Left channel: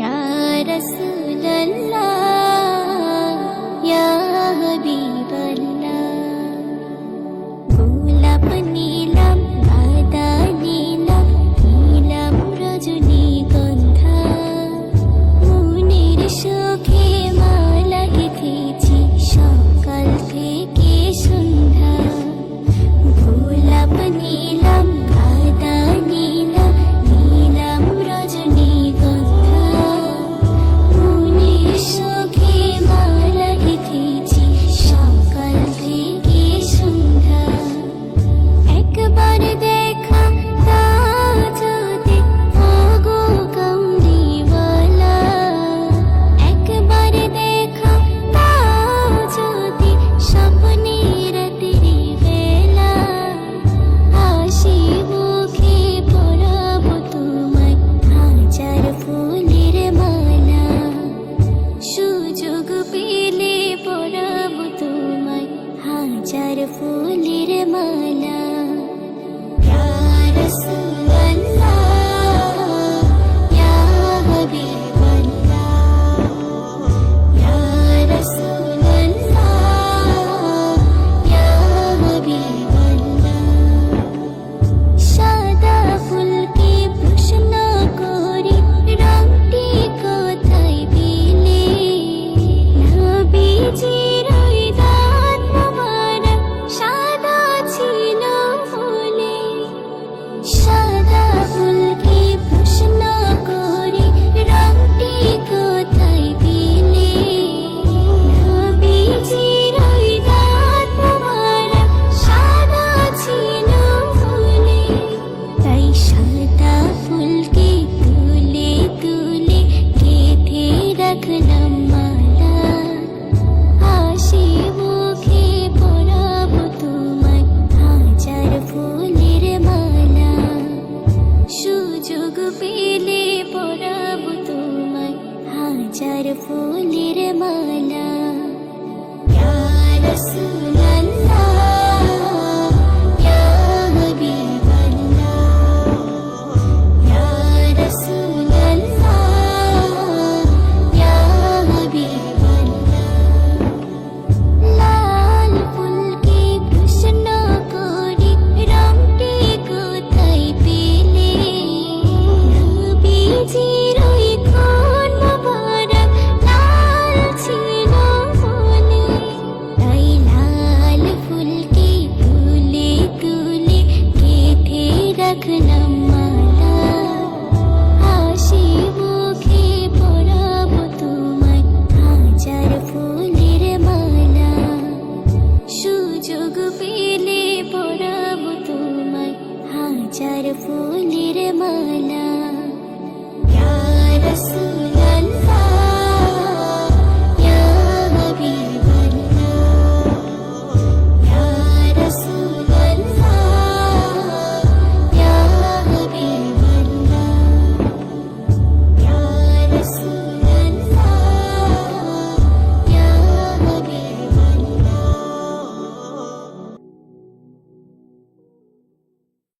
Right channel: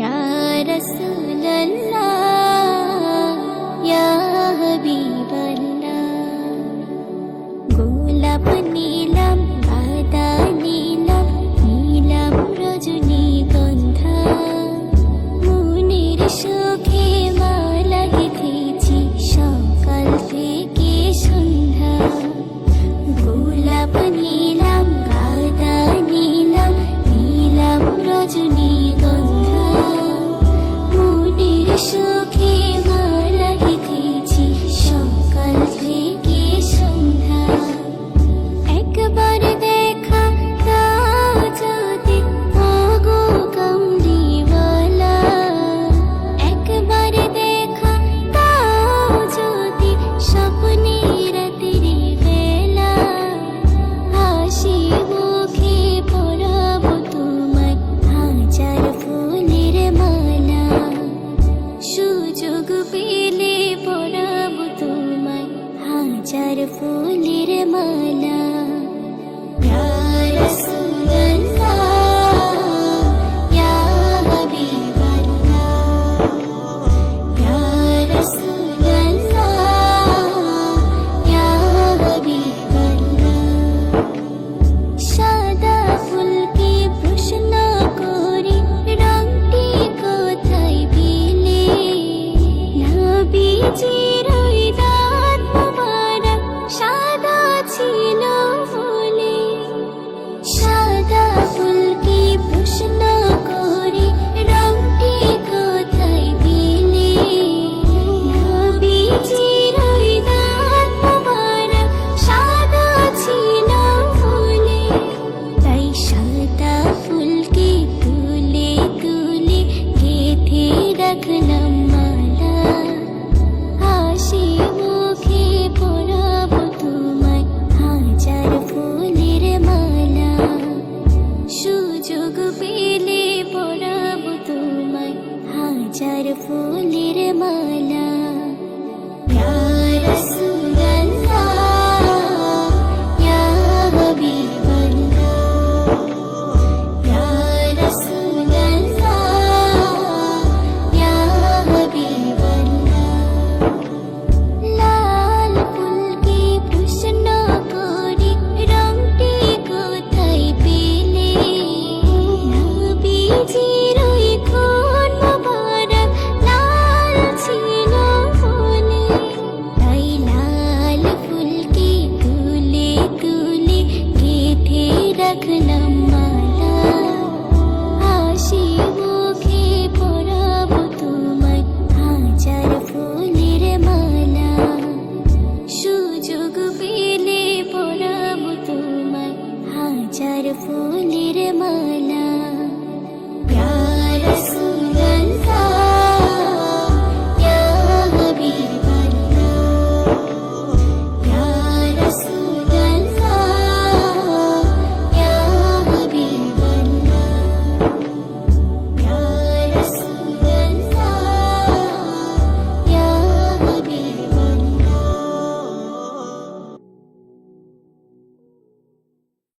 या रसूल अल्लाह या हबीब अल्लाह। গোলাপ নীলাম গাঁদা নীলাম নীলাম রজনীগন্ধা, মনের সুখে মালা গেঁথেছি সকাল থেকে সন্ধ্যা। গোলাপ নীলাম গাঁদা নীলাম নীলাম রজনীগন্ধা, মনের সুখে মালা গেঁথেছি সকাল থেকে সন্ধ্যা। একবার দেখা দাও যদি ওগো কামলিওয়ালা, একবার দেখা দাও যদি স্বপ্নে রাতের বেলা, হাসি মুখে পরাবো তোমায় হাজার ফুলের মালা। সুযোগ পেলে পরাবো তোমায় হাজার ফুলের মালা। ইয়া রাসূলুল্লাহ ইয়া হাবিবাল্লাহ, ইয়া রাসূলুল্লাহ ইয়া হাবিবাল্লাহ। সাদা ফুলকে প্রশ্ন করি রংটি কোথায় পেলে, নবীজির ওই দাঁত মোবারক সাদা ছিল বলে। সাদা ফুলকে প্রশ্ন করি রংটি কোথায় পেলে, নবীজির ওই দাঁত মোবারক সাদা ছিল বলে। তাই সাদা ফুলকে তুলে তুলে গেঁথে রাখলাম মালা, হাসি মুখে পরাবো তোমায় হাজার ফুলের মালা। সুযোগ পেলে পরাবো তোমায় হাজার ফুলের মালা। ইয়া রাসূলুল্লাহ ইয়া হাবিবাল্লাহ, ইয়া রাসূলুল্লাহ ইয়া হাবিবাল্লাহ। লাল ফুলকে প্রশ্ন করি রংটি কোথায় পেলে, নবীজির ওই খুন মোবারক লাল ছিল বলে। তাই লাল ফুলকে তুলে তুলে গেঁথে রাখলাম মালা, হাসি মুখে পরাবো তোমায় হাজার ফুলের মালা। সুযোগ পেলে পরাবো তোমায় হাজার ফুলের মালা। ইয়া রাসূল